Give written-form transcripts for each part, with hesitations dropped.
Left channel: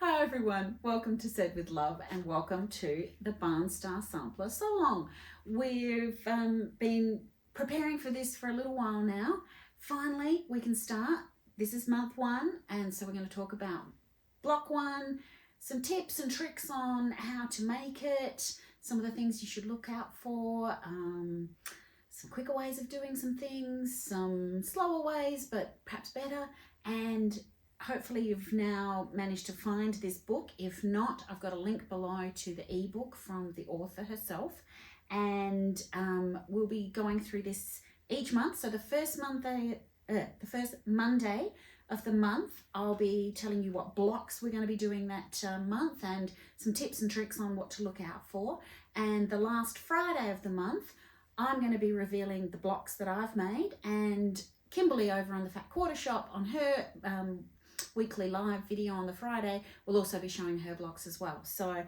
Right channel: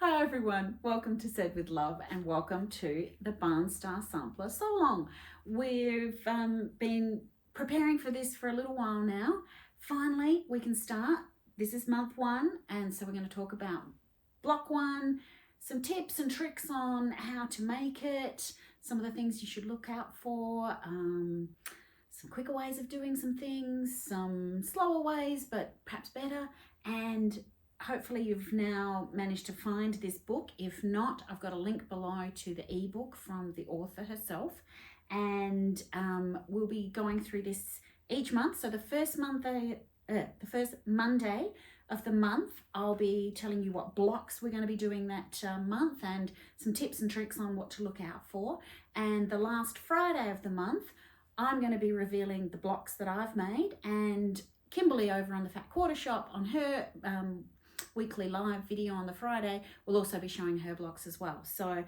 Hi everyone, welcome to Said with Love and welcome to the Barnstar Sampler So Long. We've been preparing for this for a little while now. Finally, we can start. This is month one, and so we're going to talk about block one, some tips and tricks on how to make it, some of the things you should look out for, some quicker ways of doing some things, some slower ways, but perhaps better, and hopefully you've now managed to find this book. If not, I've got a link below to the ebook from the author herself, and we'll be going through this each month. So the first Monday of the month, I'll be telling you what blocks we're going to be doing that month and some tips and tricks on what to look out for. And the last Friday of the month, I'm going to be revealing the blocks that I've made, and Kimberly over on the Fat Quarter Shop on her weekly live video on the Friday will also be showing her blocks as well. So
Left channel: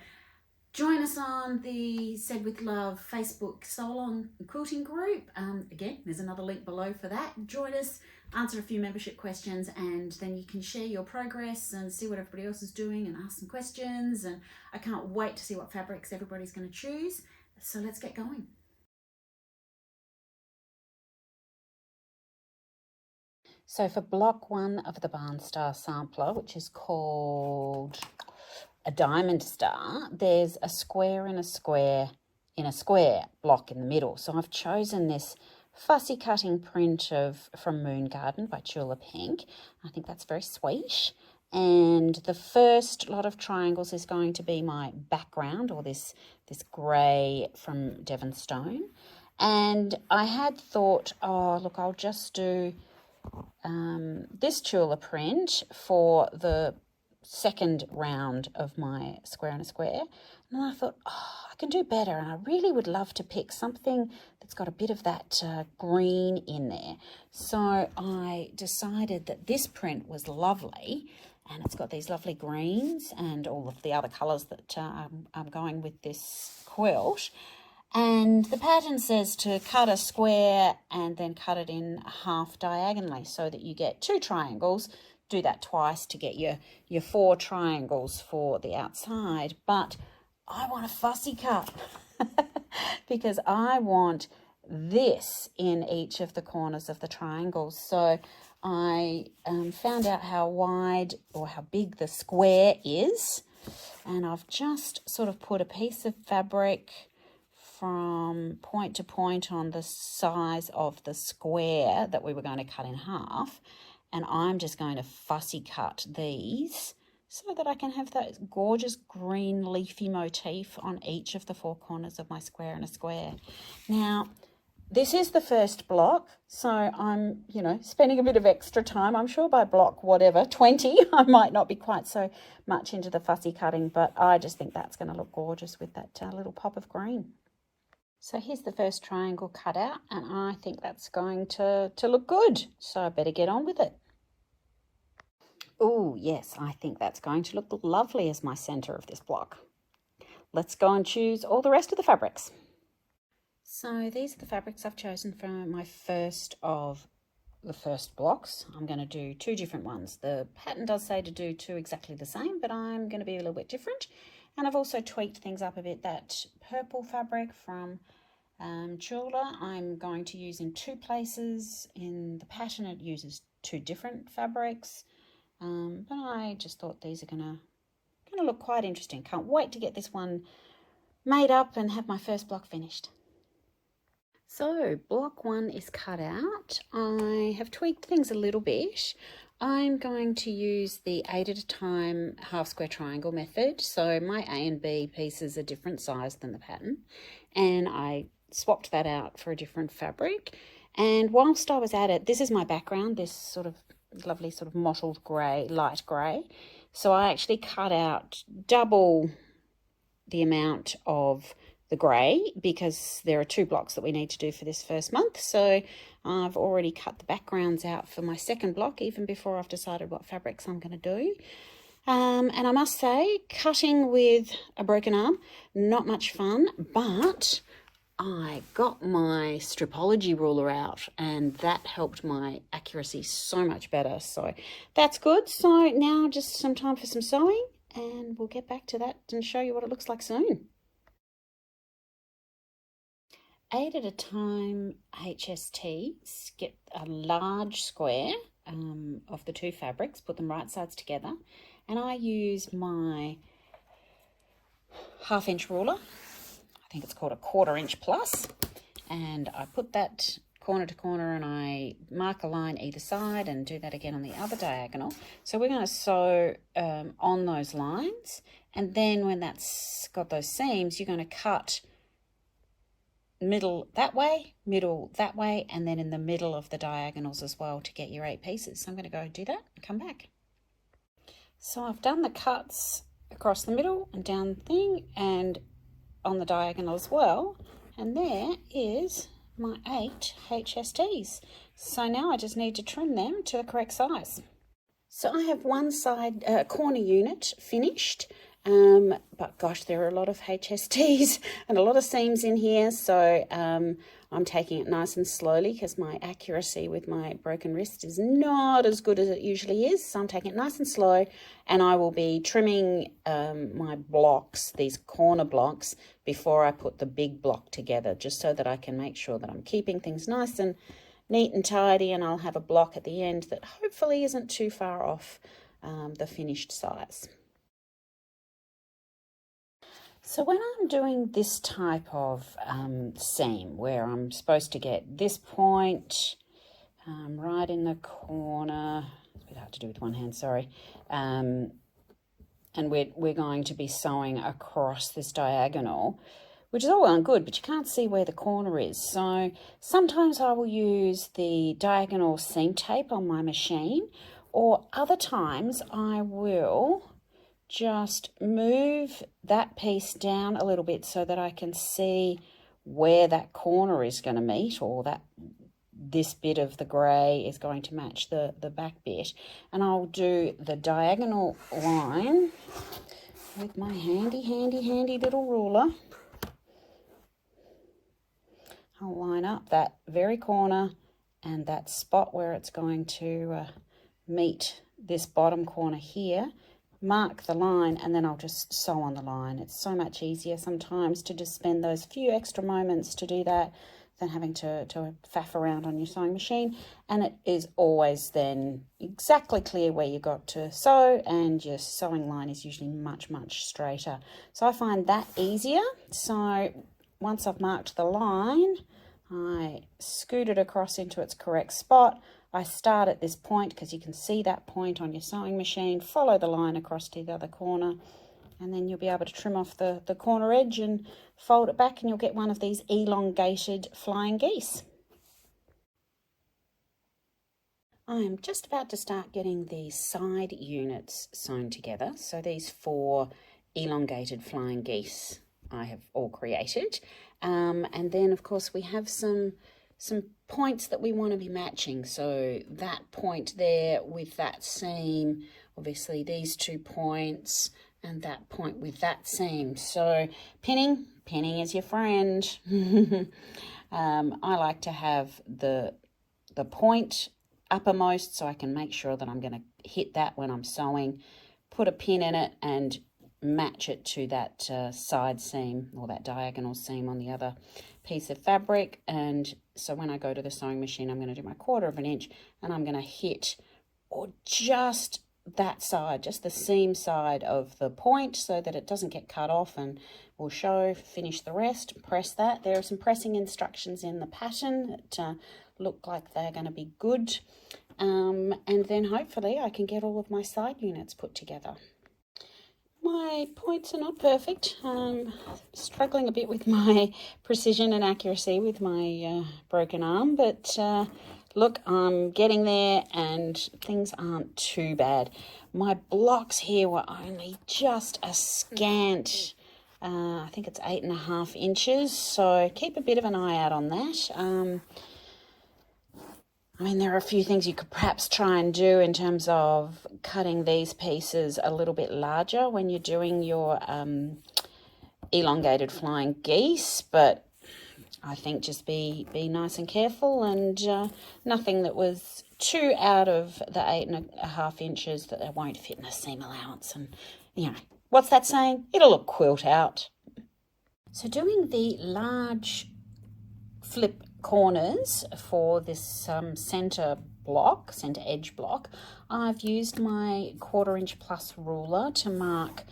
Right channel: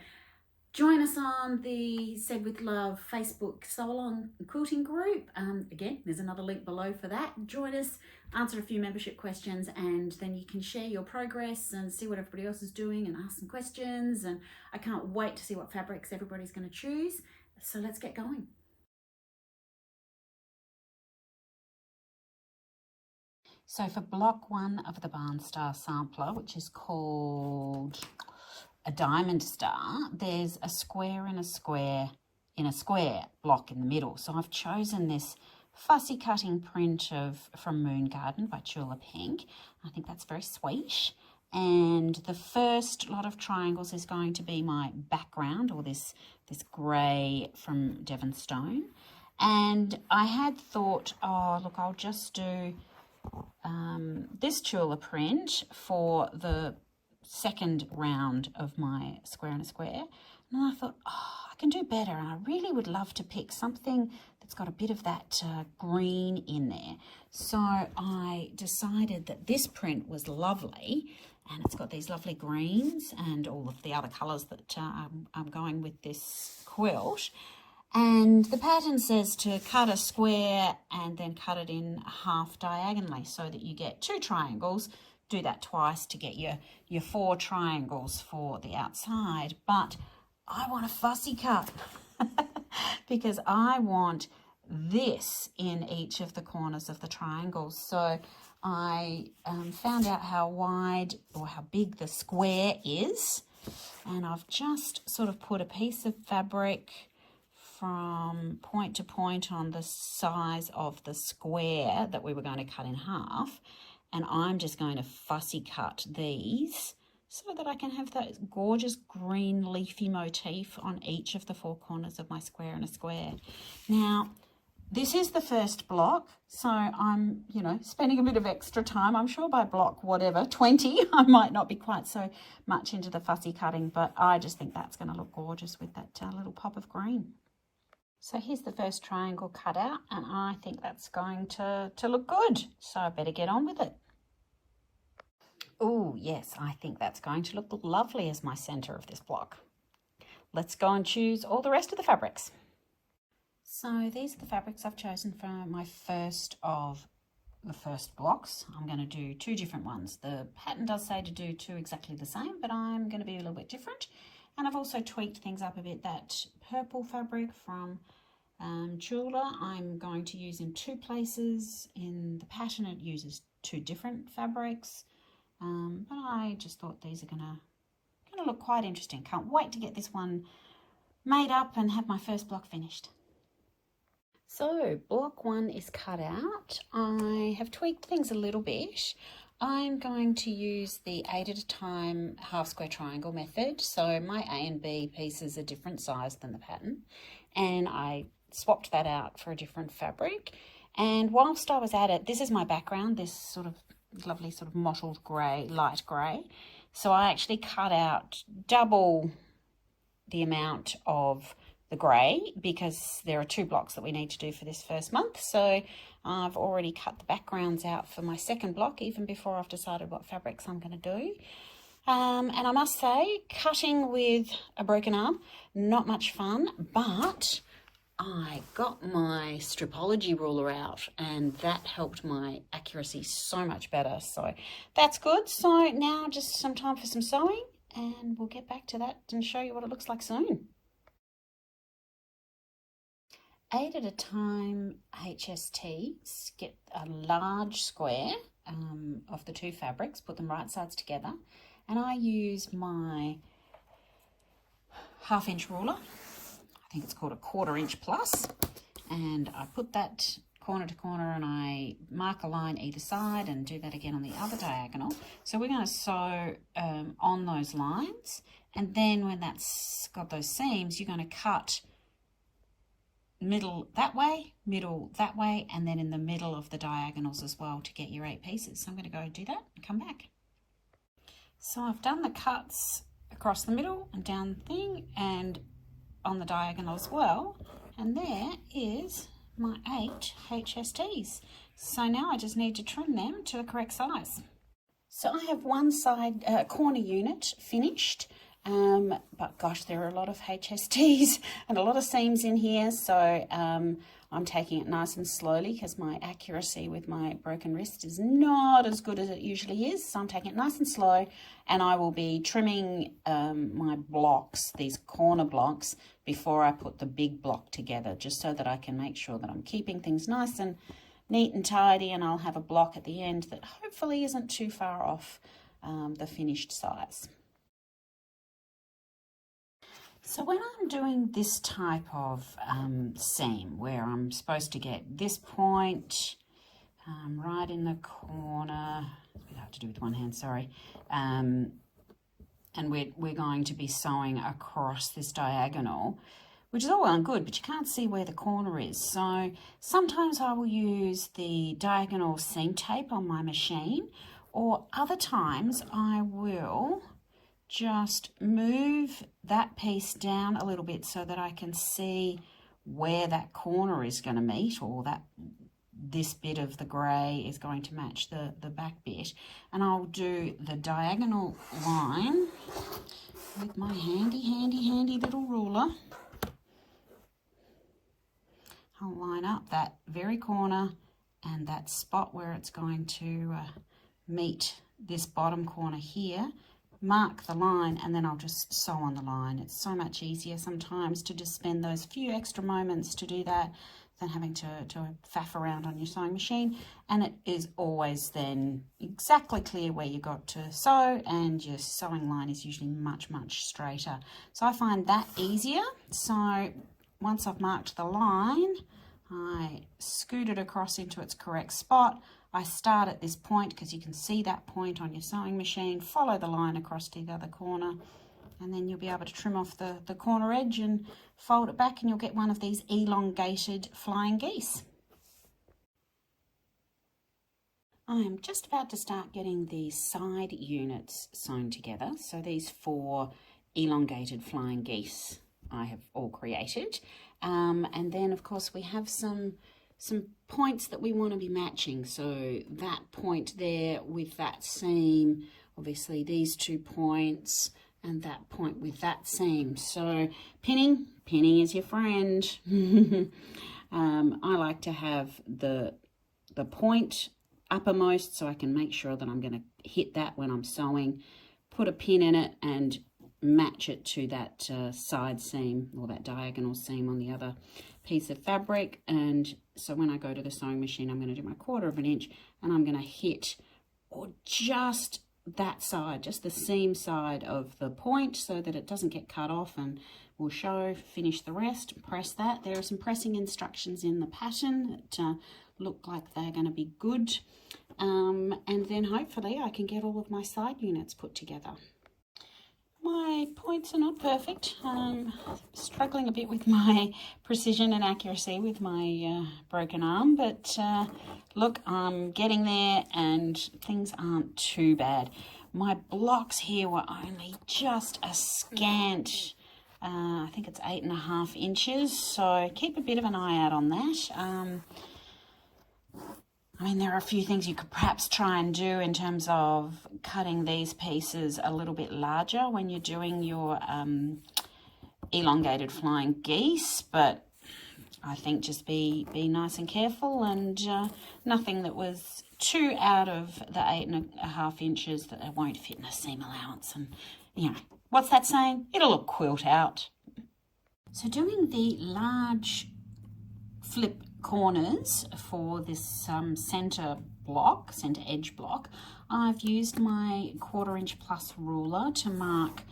join us on the Said with Love Facebook sewalong quilting group. Again, there's another link below for that. Join us, answer a few membership questions, and then you can share your progress and see what everybody else is doing and ask some questions. And I can't wait to see what fabrics everybody's going to choose. So let's get going. So for block one of the Barnstar Sampler, which is called a diamond star, there's a square in a square in a square block in the middle. So I've chosen this fussy cutting print from Moon Garden by Chula Pink. I think that's very sweet. And the first lot of triangles is going to be my background, or this grey from Devon Stone. And I had thought, oh look, I'll just do this Chula print for the second round of my square in a square. And I thought, oh, I can do better, and I really would love to pick something that's got a bit of that green in there. So I decided that this print was lovely, and it's got these lovely greens and all of the other colours that I'm going with this quilt. And the pattern says to cut a square and then cut it in half diagonally so that you get 2 triangles. Do that twice to get your 4 triangles for the outside. But I want a fussy cut because I want this in each of the corners of the triangles. So I found out how wide or how big the square is, and I've just sort of put a piece of fabric from point to point on the size of the square that we were going to cut in half, and I'm just going to fussy cut these so that I can have that gorgeous green leafy motif on each of the 4 corners of my square in a square. Now, this is the first block, so I'm, spending a bit of extra time. I'm sure by block, 20, I might not be quite so much into the fussy cutting, but I just think that's going to look gorgeous with that little pop of green. So here's the first triangle cut out, and I think that's going to look good. So I better get on with it. Oh, yes, I think that's going to look lovely as my center of this block. Let's go and choose all the rest of the fabrics. So these are the fabrics I've chosen for my first of the first blocks. I'm going to do 2 different ones. The pattern does say to do 2 exactly the same, but I'm going to be a little bit different. And I've also tweaked things up a bit. That purple fabric from Chula I'm going to use in 2 places. In the pattern it uses 2 different fabrics, but I just thought these are gonna look quite interesting. Can't wait to get this one made up and have my first block finished. So block 1 is cut out. I have tweaked things a little bit. I'm going to use the 8 at a time half square triangle method. So my A and B pieces are different size than the pattern, and I swapped that out for a different fabric. And whilst I was at it, this is my background, this sort of lovely sort of mottled grey, light grey. So I actually cut out double the amount of the grey because there are 2 blocks that we need to do for this first month. So I've already cut the backgrounds out for my second block even before I've decided what fabrics I'm going to do. And I must say, cutting with a broken arm, not much fun, but I got my stripology ruler out and that helped my accuracy so much better. So that's good. So now just some time for some sewing and we'll get back to that and show you what it looks like soon. 8 at a time HSTs, get a large square of the two fabrics, put them right sides together, and I use my 1/2 inch ruler. I think it's called a 1/4 inch plus, and I put that corner to corner and I mark a line either side and do that again on the other diagonal. So we're going to sew on those lines, and then when that's got those seams, you're going to cut middle that way, middle that way, and then in the middle of the diagonals as well to get your 8 pieces. So I'm going to go do that and come back. So I've done the cuts across the middle and down the thing and on the diagonal as well, and there is my 8 HSTs. So now I just need to trim them to the correct size. So I have one side corner unit finished, but gosh, there are a lot of HSTs and a lot of seams in here, so I'm taking it nice and slowly because my accuracy with my broken wrist is not as good as it usually is. So I'm taking it nice and slow, and I will be trimming my blocks, these corner blocks, before I put the big block together, just so that I can make sure that I'm keeping things nice and neat and tidy, and I'll have a block at the end that hopefully isn't too far off the finished size. So when I'm doing this type of seam where I'm supposed to get this point right in the corner, it's a bit hard to do with one hand, sorry, and we're going to be sewing across this diagonal, which is all well and good, but you can't see where the corner is. So sometimes I will use the diagonal seam tape on my machine, or other times I will just move that piece down a little bit so that I can see where that corner is going to meet, or that this bit of the grey is going to match the back bit. And I'll do the diagonal line with my handy little ruler. I'll line up that very corner and that spot where it's going to meet this bottom corner here, mark the line, and then I'll just sew on the line. It's so much easier sometimes to just spend those few extra moments to do that than having to faff around on your sewing machine, and it is always then exactly clear where you got to sew, and your sewing line is usually much straighter. So I find that easier. So once I've marked the line, I scoot it across into its correct spot. I start at this point because you can see that point on your sewing machine, follow the line across to the other corner, and then you'll be able to trim off the corner edge and fold it back, and you'll get one of these elongated flying geese. I'm just about to start getting the side units sewn together. So these 4 elongated flying geese I have all created, and then of course we have some points that we want to be matching. So that point there with that seam, obviously these 2 points, and that point with that seam. So pinning is your friend. I like to have the point uppermost so I can make sure that I'm going to hit that when I'm sewing, put a pin in it and match it to that side seam or that diagonal seam on the other piece of fabric. And so when I go to the sewing machine, I'm going to do my 1/4 inch, and I'm going to hit or just that side, just the seam side of the point, so that it doesn't get cut off, and we'll finish the rest, press that. There are some pressing instructions in the pattern that look like they're going to be good, and then hopefully I can get all of my side units put together. My points are not perfect. I'm struggling a bit with my precision and accuracy with my broken arm, but look, I'm getting there and things aren't too bad. My blocks here were only just a scant, I think it's 8.5 inches, so keep a bit of an eye out on that. I mean, there are a few things you could perhaps try and do in terms of cutting these pieces a little bit larger when you're doing your elongated flying geese, but I think just be nice and careful, and nothing that was 2 out of the 8.5 inches that they won't fit in the seam allowance. And, you know, what's that saying? It'll look quilt out. So doing the large flip corners for this centre edge block, I've used my 1/4 inch plus ruler to mark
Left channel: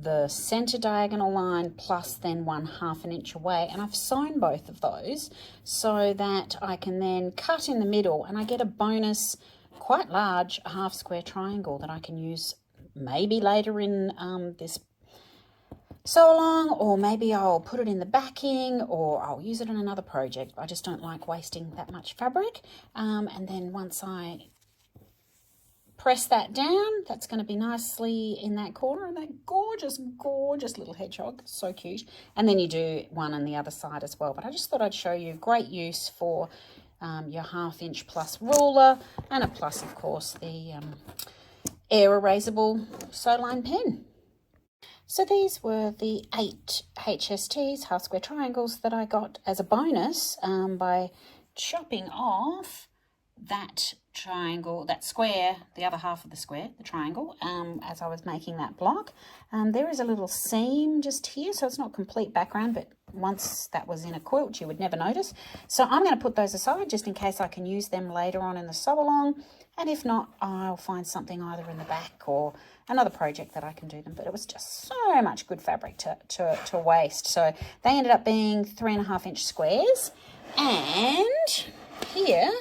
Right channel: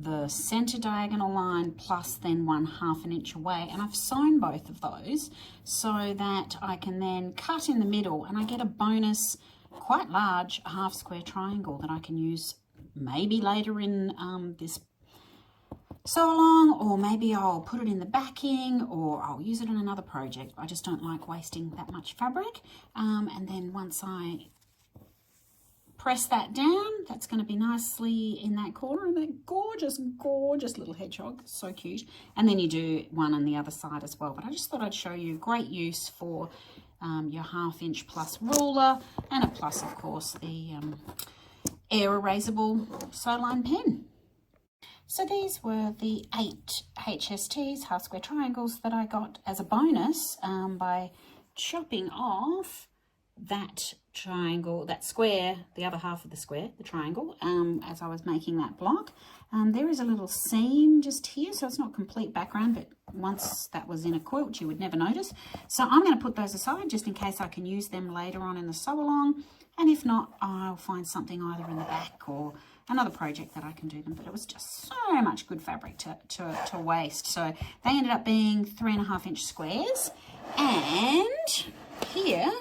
the centre diagonal line plus then 1/2 inch away, and I've sewn both of those so that I can then cut in the middle and I get a bonus quite large half square triangle that I can use maybe later in this sew along, or maybe I'll put it in the backing, or I'll use it in another project. I just don't like wasting that much fabric. And then once I press that down, that's going to be nicely in that corner, and that gorgeous, gorgeous little hedgehog, so cute. And then you do one on the other side as well. But I just thought I'd show you great use for your 1/2 inch plus ruler, and a plus, of course, the air erasable sew line pen. So these were the 8 HSTs, half square triangles, that I got as a bonus by chopping off that triangle, that square, the other half of the square, the triangle, as I was making that block. There is a little seam just here, so it's not complete background, but once that was in a quilt, you would never notice. So I'm going to put those aside just in case I can use them later on in the sew along. And if not, I'll find something either in the back or another project that I can do them. But it was just so much good fabric to waste. So they ended up being 3.5 inch squares. And here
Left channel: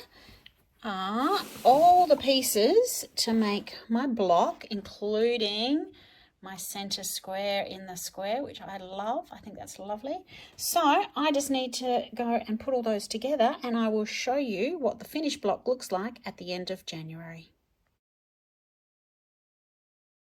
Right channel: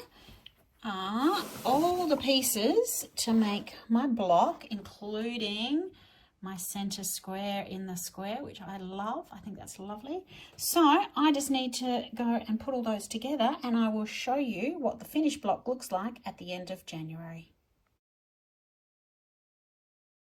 are all the pieces to make my block, including my center square in the square, which I love. I think that's lovely. So I just need to go and put all those together, and I will show you what the finished block looks like at the end of January.